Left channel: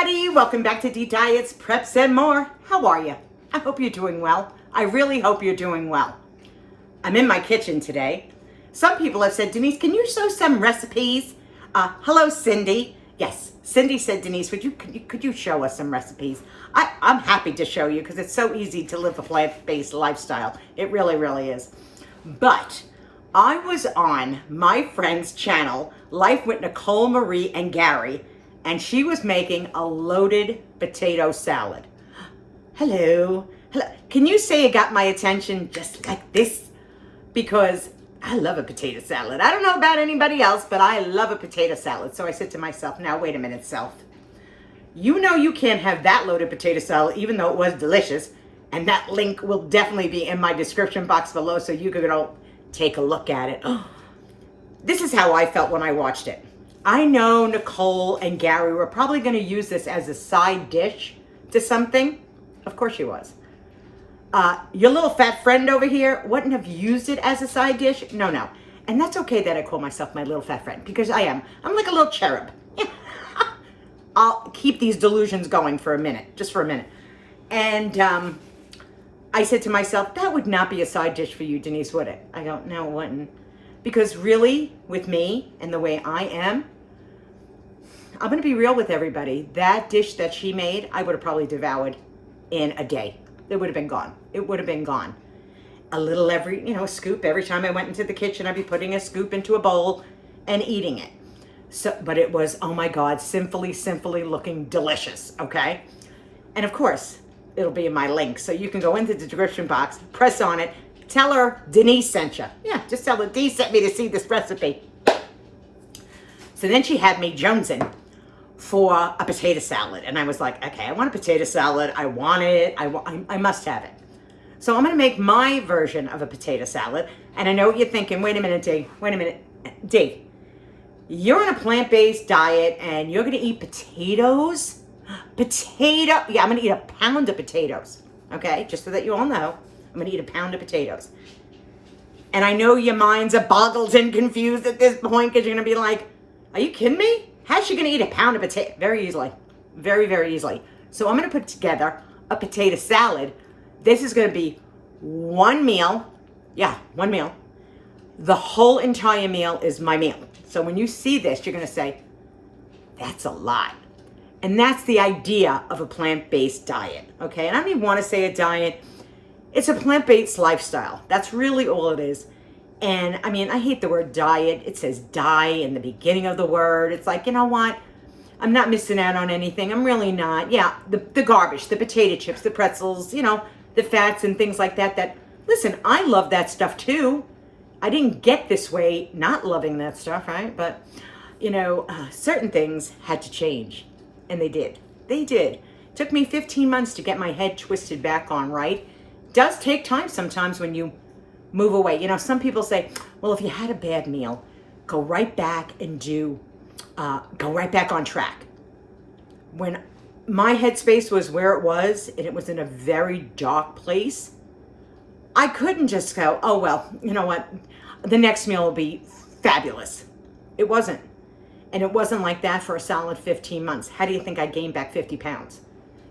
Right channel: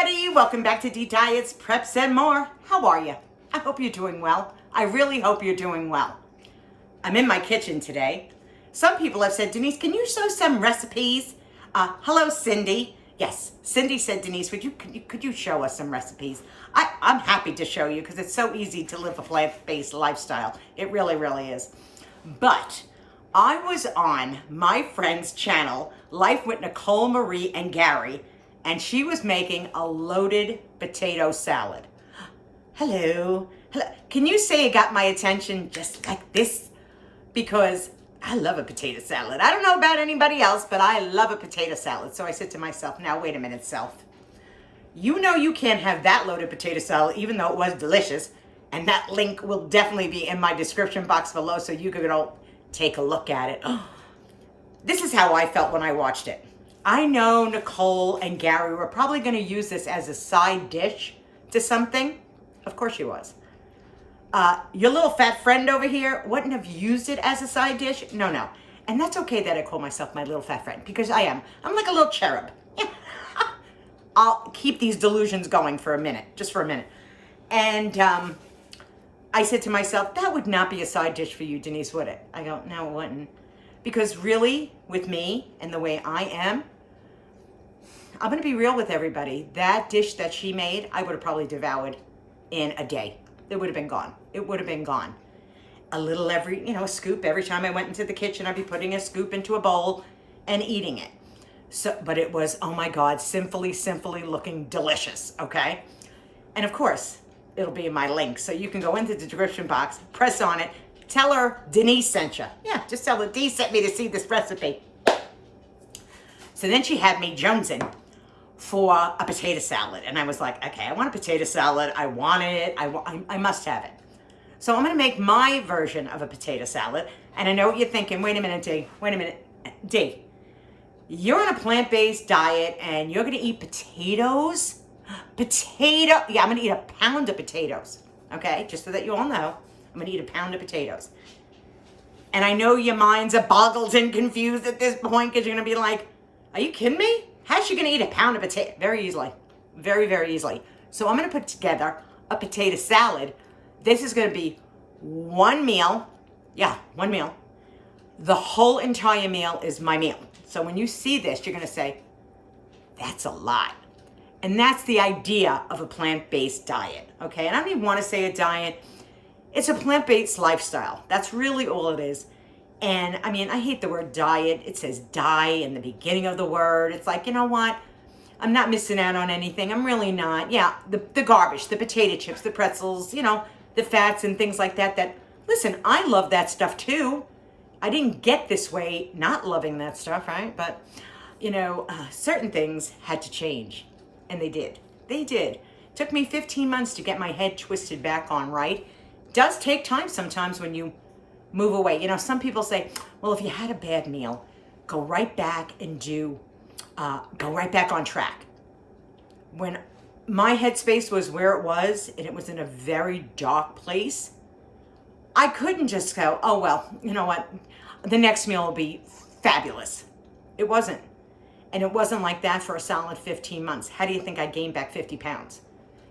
everybody, welcome back to D Diets, Preps, and More. How are you? I hope you're doing well. I really hope you're doing well. I'm in my kitchen today. Some people have said, Denise, can you show some recipes? Hello, Cindy. Yes, Cindy said, Denise, could you show us some recipes? I'm happy to show you because it's so easy to live a plant-based lifestyle. It really, really is. But I was on my friend's channel, Life with Nicole, Marie, and Gary, and she was making a loaded potato salad. Hello. Can you say it got my attention just like this? Because I love a potato salad. I don't know about anybody else, but I love a potato salad. So I said to myself, now wait a minute, self. You know you can't have that loaded potato salad, even though it was delicious. And that link will definitely be in my description box below so you can go take a look at it. This is how I felt when I watched it. I know Nicole and Gary were probably going to use this as a side dish to something. Of course she was. Your little fat friend over here wouldn't have used it as a side dish. No. And that's okay that I call myself my little fat friend because I am. I'm like a little cherub. I'll keep these delusions going for a minute, just for a minute. And I said to myself, that would not be a side dish for you, Denise, would it? I go, no, it wouldn't. Because really, with me and the way I am, I'm going to be real with everybody. That dish that she made, I would have probably devoured in a day. It would have been gone. It would have been gone. A little a scoop. Every time I went into the kitchen, I'd be putting a scoop into a bowl and eating it. So, but it was, oh my God, simply looking delicious, okay? And of course, it'll be in my link. So you can go into the description box, press on it, tell her Denise sent you. Yeah, just tell her Denise sent me to see this recipe. So then she had me jonesing for a potato salad. And I was like, okay, I want a potato salad. I want it. I must have it. So I'm going to make my version of a potato salad. And I know what you're thinking. Wait a minute, D. You're on a plant-based diet and you're going to eat potatoes? Yeah, I'm going to eat a pound of potatoes. Okay, just so that you all know. I'm going to eat a pound of potatoes. And I know your minds are boggled and confused at this point because you're going to be like, are you kidding me? How's she going to eat a pound of potato? Very easily. Very, very easily. So I'm going to put together a potato salad. This is going to be one meal. Yeah, one meal. The whole entire meal is my meal. So when you see this, you're going to say, that's a lot. And that's the idea of a plant-based diet. Okay, and I don't even want to say a diet. It's a plant-based lifestyle. That's really all it is. And I mean, I hate the word diet. It says die in the beginning of the word. It's like, you know what? I'm not missing out on anything. I'm really not. Yeah, the garbage, the potato chips, the pretzels, the fats and things like that. Listen, I love that stuff too. I didn't get this way not loving that stuff, right? But, certain things had to change. And they did. They did. It took me 15 months to get my head twisted back on right. Does take time sometimes when you move away. Some people say, well, if you had a bad meal, go right back and go right back on track. When my headspace was where it was, and it was in a very dark place, I couldn't just go, oh, well, you know what? The next meal will be fabulous. It wasn't. And it wasn't like that for a solid 15 months. How do you think I gained back 50 pounds?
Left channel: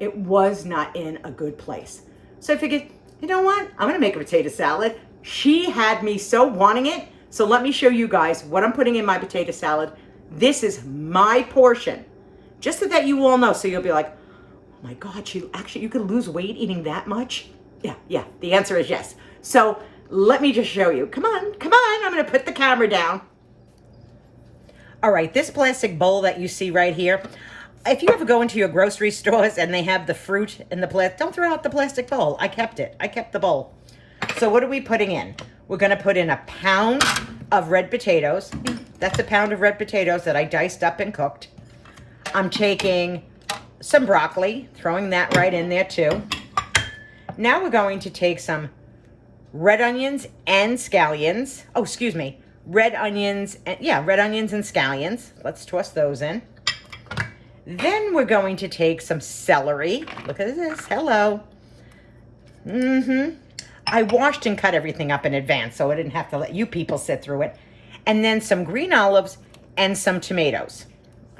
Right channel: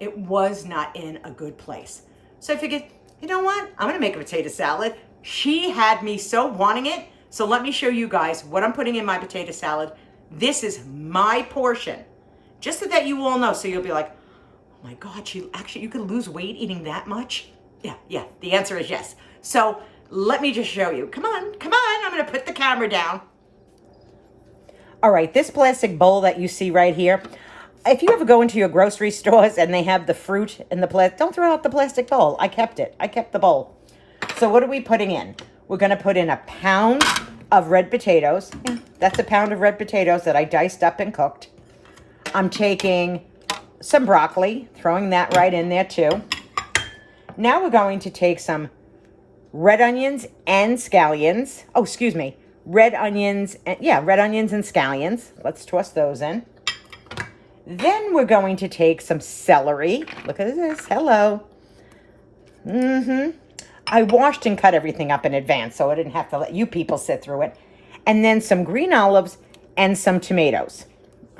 It was not in a good place. So I figured, you know what? I'm going to make a potato salad. She had me so wanting it. So let me show you guys what I'm putting in my potato salad. This is my portion. Just so that you all know. So you'll be like, oh my God, you could lose weight eating that much? Yeah. The answer is yes. So let me just show you. Come on. I'm going to put the camera down. All right, this plastic bowl that you see right here, if you ever go into your grocery stores and they have the fruit in the plastic, don't throw out the plastic bowl. I kept it. I kept the bowl. So what are we putting in? We're going to put in a pound of red potatoes. That's a pound of red potatoes that I diced up and cooked. I'm taking some broccoli, throwing that right in there too. Now we're going to take some red onions and scallions. Oh, excuse me. Red onions and scallions. Let's toss those in. Then we're going to take some celery. Look at this. Hello. I washed and cut everything up in advance, so I didn't have to let you people sit through it. And then some green olives and some tomatoes.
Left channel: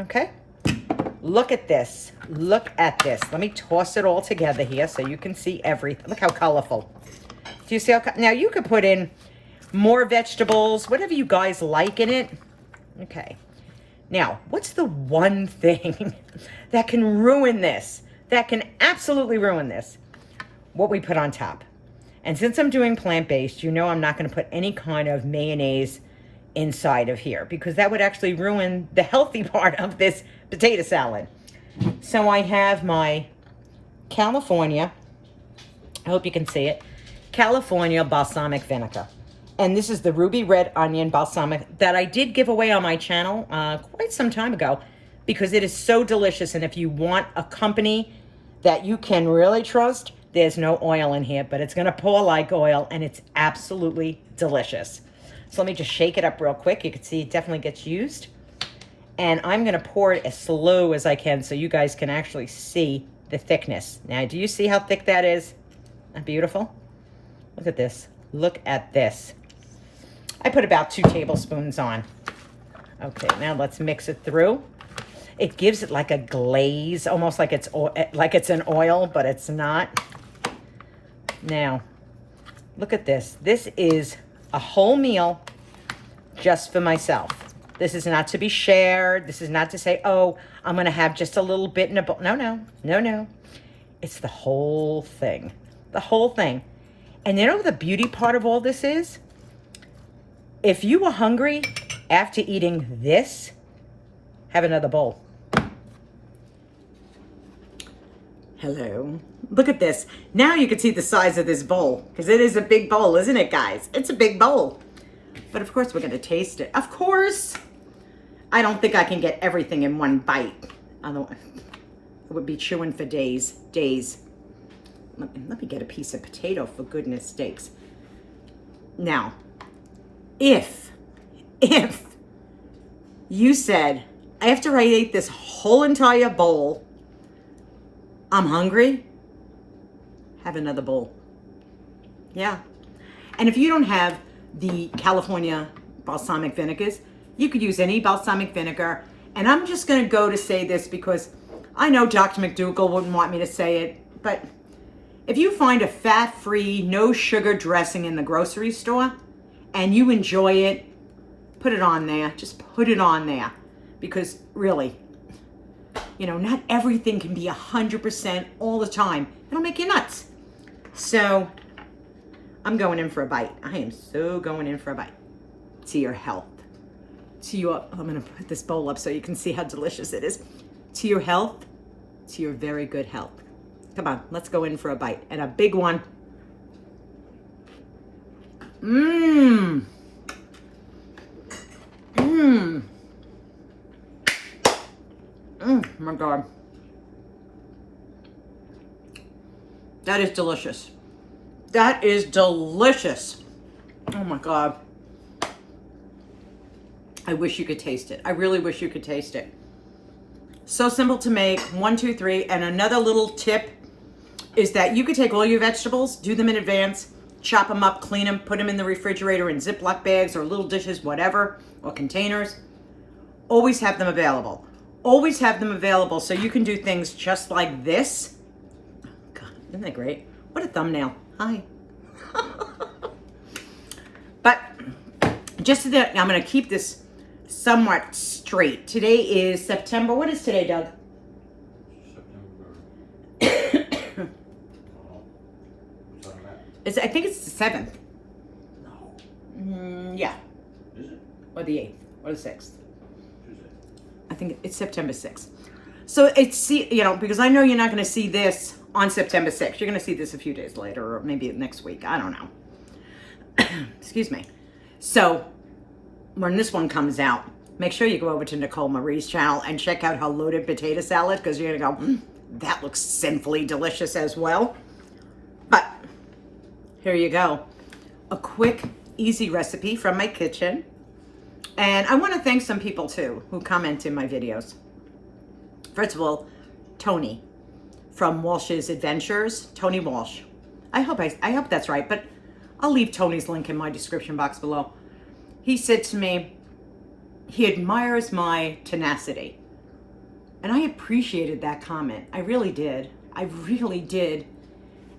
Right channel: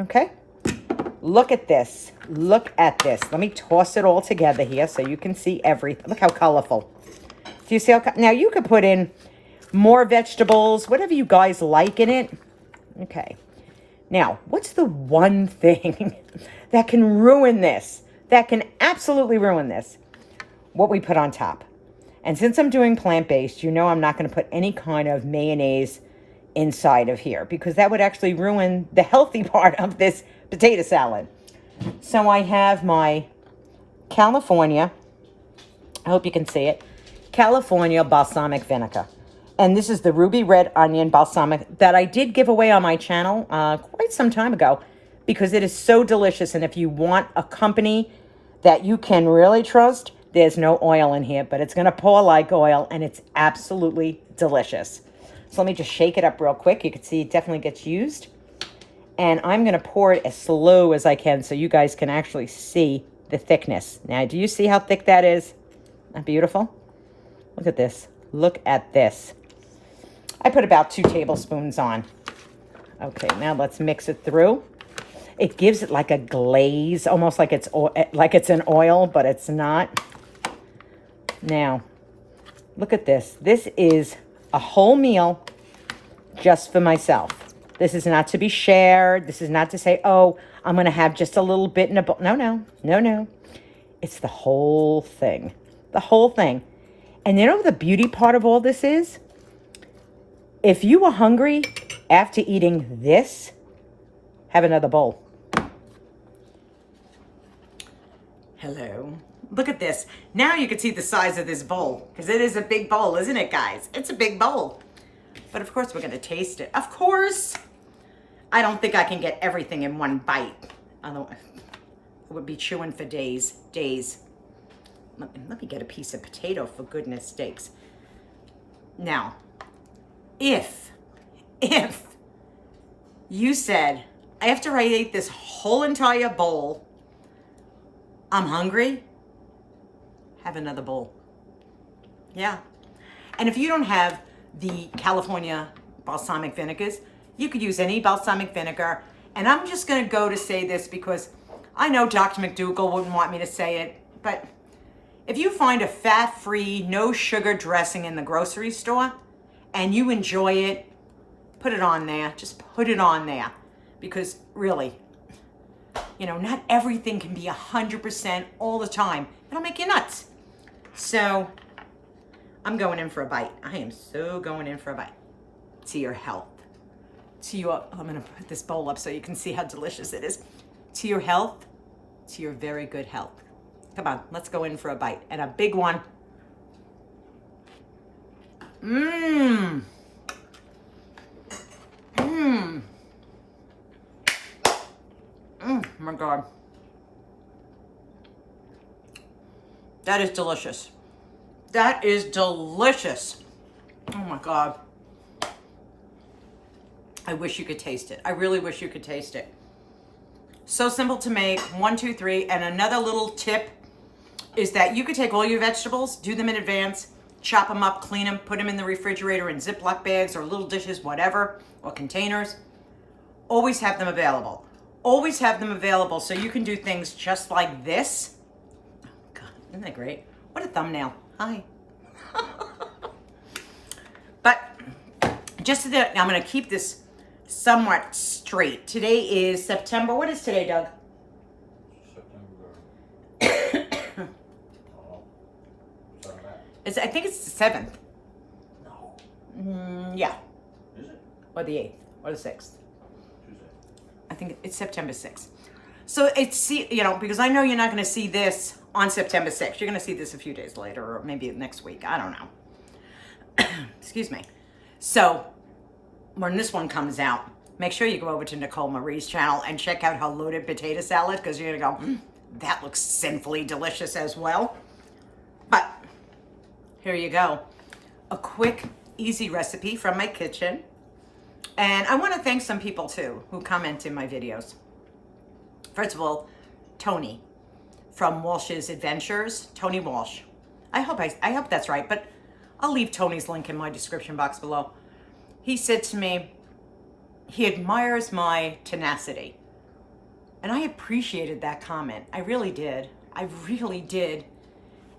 Okay? Look at this. Look at this. Let me toss it all together here so you can see everything. Look how colorful. Do you see how, now you could put in more vegetables, whatever you guys like in it. Okay. Now, what's the one thing that can ruin this? That can absolutely ruin this? What we put on top. And since I'm doing plant-based, you know I'm not going to put any kind of mayonnaise inside of here because that would actually ruin the healthy part of this potato salad. So I have my California, I hope you can see it, California balsamic vinegar. And this is the ruby red onion balsamic that I did give away on my channel quite some time ago because it is so delicious. And if you want a company that you can really trust, there's no oil in here, but it's going to pour like oil and it's absolutely delicious. So let me just shake it up real quick. You can see it definitely gets used. And I'm going to pour it as slow as I can so you guys can actually see the thickness. Now, do you see how thick that is? Isn't that beautiful? Look at this. Look at this. I put about 2 tablespoons on. Okay, now let's mix it through. It gives it like a glaze, almost like it's an oil, but it's not. Now, look at this. This is a whole meal just for myself. This is not to be shared. This is not to say, oh, I'm going to have just a little bit in a bowl. No, no, no, no. It's the whole thing. The whole thing. And you know what the beauty part of all this is? If you are hungry after eating this, have another bowl. Hello. Look at this. Now you can see the size of this bowl because it is a big bowl, isn't it, guys? It's a big bowl. But of course, we're going to taste it. Of course. I don't think I can get everything in one bite. Otherwise, I would be chewing for days. Let me get a piece of potato, for goodness sakes. Now, if you said, after I ate this whole entire bowl, I'm hungry, have another bowl. Yeah. And if you don't have the California balsamic vinegars, you could use any balsamic vinegar. And I'm just going to go to say this because I know Dr. McDougall wouldn't want me to say it, but if you find a fat-free, no sugar dressing in the grocery store and you enjoy it, put it on there. Just put it on there. Because really, you know, not everything can be 100% all the time. It'll make you nuts. So I'm going in for a bite. I am so going in for a bite. To your health. To your, I'm going to put this bowl up so you can see how delicious it is. To your health, to your very good health. Come on, let's go in for a bite. And a big one. Mmm. Mmm. Oh my God. That is delicious. That is delicious. Oh my God. I wish you could taste it. I really wish you could taste it. So simple to make. 1, 2, 3. And another little tip is that you could take all your vegetables, do them in advance, chop them up, clean them, put them in the refrigerator in Ziploc bags or little dishes, whatever, or containers. Always have them available. Always have them available so you can do things just like this. Oh God, isn't that great? What a thumbnail. Hi. But just so that I'm going to keep this somewhat straight. Today is September. What is today, Doug? I think it's the 7th. No. Yeah. Is it? Or the 8th. Or the 6th. Tuesday. I think it's September 6th. So it's, you know, because I know you're not going to see this on September 6th. You're going to see this a few days later or maybe next week. I don't know. Excuse me. So when this one comes out, make sure you go over to Nicole Marie's channel and check out her loaded potato salad because you're going to go, that looks sinfully delicious as well. But here you go. A quick, easy recipe from my kitchen. And I want to thank some people too who comment in my videos. First of all, Tony from Walsh's Adventures, Tony Walsh. I hope that's right, but I'll leave Tony's link in my description box below. He said to me, he admires my tenacity. And I appreciated that comment. I really did. I really did.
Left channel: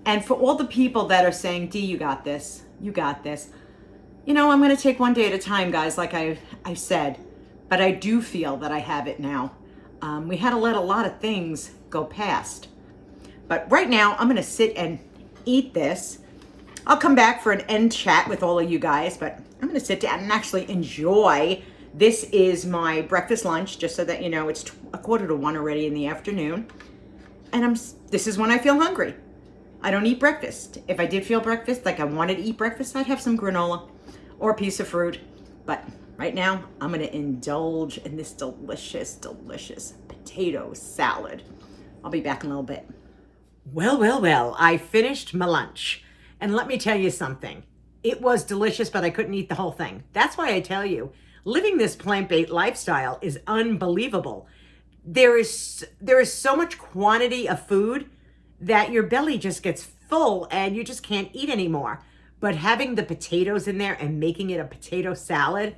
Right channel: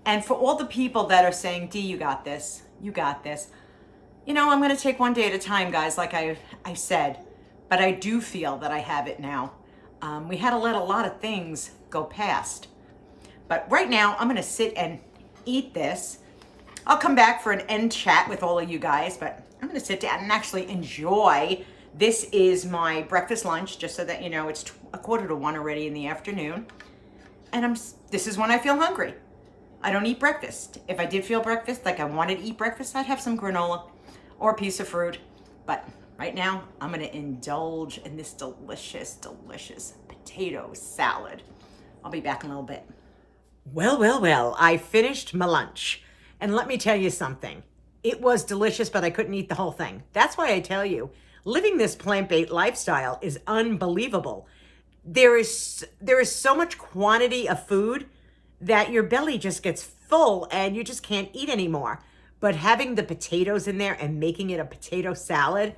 And for all the people that are saying, Dee, you got this. You got this. You know, I'm going to take one day at a time, guys, like I said. But I do feel that I have it now. We had to let a lot of things go past. But right now, I'm going to sit and eat this. I'll come back for an end chat with all of you guys, but I'm going to sit down and actually enjoy. This is my breakfast lunch, just so that you know, it's 1:45 already in the afternoon. And this is when I feel hungry. I don't eat breakfast. If I did feel breakfast, like I wanted to eat breakfast, I'd have some granola or a piece of fruit. But right now, I'm going to indulge in this delicious, delicious potato salad. I'll be back in a little bit. Well, I finished my lunch. And let me tell you something. It was delicious, but I couldn't eat the whole thing. That's why I tell you, living this plant-based lifestyle is unbelievable. There is so much quantity of food that your belly just gets full and you just can't eat anymore. But having the potatoes in there and making it a potato salad,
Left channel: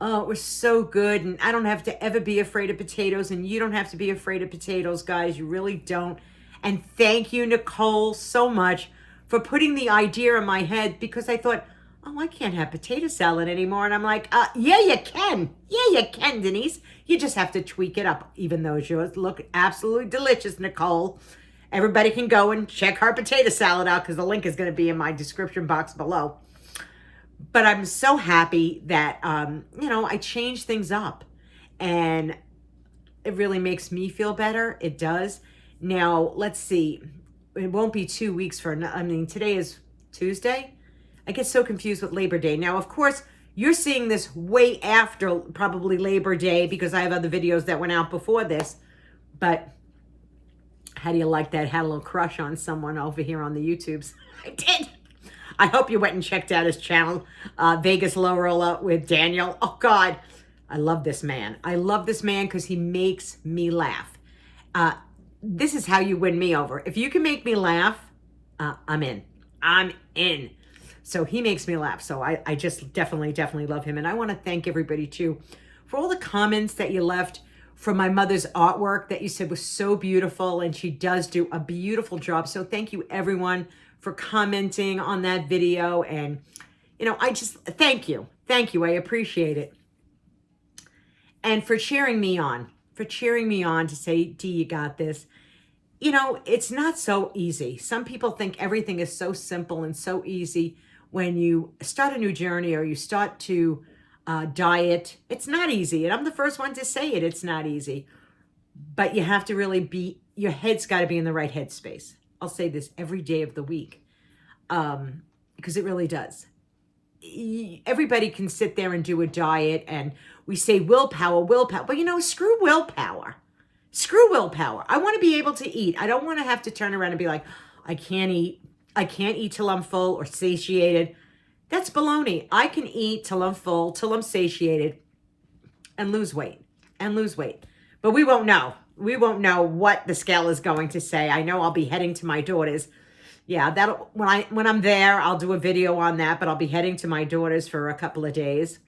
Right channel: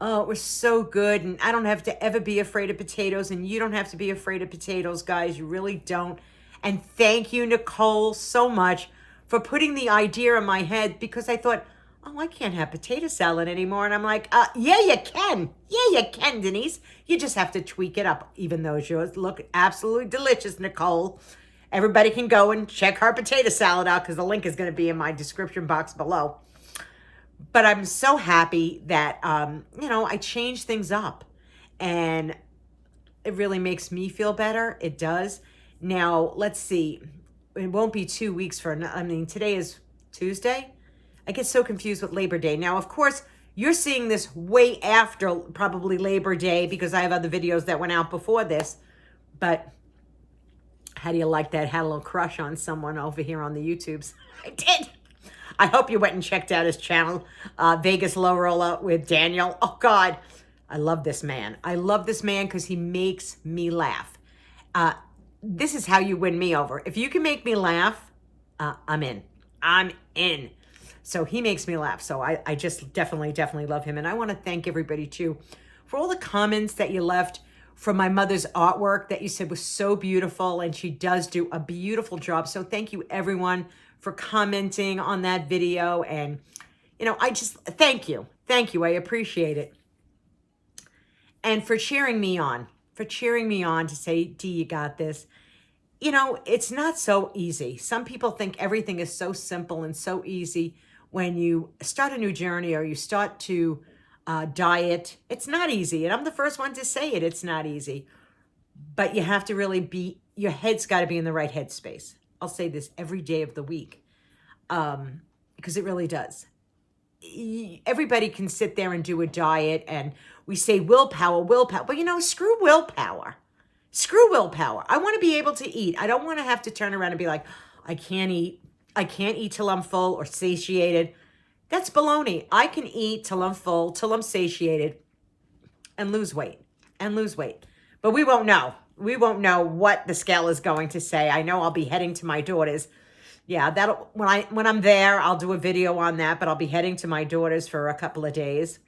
oh, it was so good. And I don't have to ever be afraid of potatoes, and you don't have to be afraid of potatoes, guys. You really don't. And thank you, Nicole, so much for putting the idea in my head, because I thought, oh, I can't have potato salad anymore. And I'm like, yeah, you can. Yeah, you can, Denise. You just have to tweak it up, even though yours look absolutely delicious, Nicole. Everybody can go and check her potato salad out, because the link is going to be in my description box below. But I'm so happy that, I changed things up. And it really makes me feel better. It does. Now, let's see. It won't be 2 weeks today is Tuesday. I get so confused with Labor Day. Now, of course, you're seeing this way after probably Labor Day, because I have other videos that went out before this. But how do you like that? Had a little crush on someone over here on the YouTubes. I did. I hope you went and checked out his channel, Vegas Low Roller with Daniel. Oh, God. I love this man. I love this man because he makes me laugh. This is how you win me over. If you can make me laugh, I'm in. I'm in. So he makes me laugh. So I just definitely love him. And I want to thank everybody, too, for all the comments that you left from my mother's artwork that you said was so beautiful. And she does do a beautiful job. So thank you, everyone, for commenting on that video. And, I just thank you. Thank you. I appreciate it. And for cheering me on. To say, Dee, you got this. It's not so easy. Some people think everything is so simple and so easy when you start a new journey or you start to diet. It's not easy. And I'm the first one to say it. It's not easy. But you have to really your head's got to be in the right headspace. I'll say this every day of the week because it really does. Everybody can sit there and do a diet, and we say willpower. But screw willpower. I want to be able to eat. I don't want to have to turn around and be like, I can't eat till I'm full or satiated. That's baloney. I can eat till I'm full, till I'm satiated, and lose weight. But we won't know. We won't know what the scale is going to say. I know I'll be heading to my daughter's. Yeah, when I'm there, I'll do a video on that, but I'll be heading to my daughter's for a couple of days.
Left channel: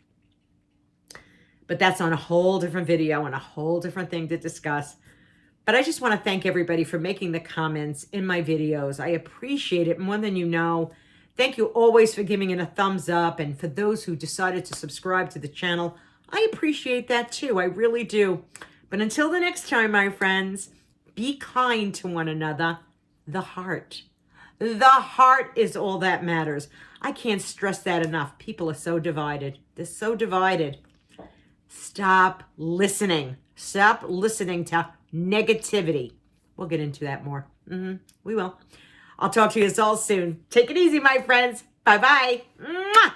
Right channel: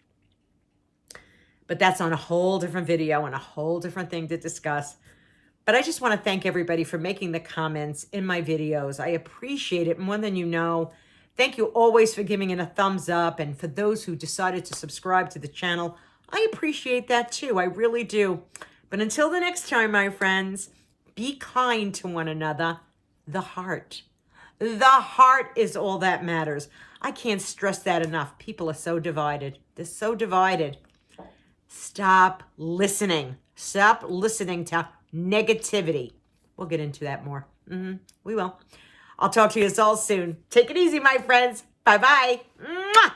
But that's on a whole different video and a whole different thing to discuss. But I just want to thank everybody for making the comments in my videos. I appreciate it more than you know. Thank you always for giving it a thumbs up. And for those who decided to subscribe to the channel, I appreciate that too. I really do. But until the next time, my friends, be kind to one another. The heart is all that matters. I can't stress that enough. People are so divided. They're so divided. Stop listening. Stop listening to negativity. We'll get into that more. We will. I'll talk to you all soon. Take it easy, my friends. Bye-bye. Mwah!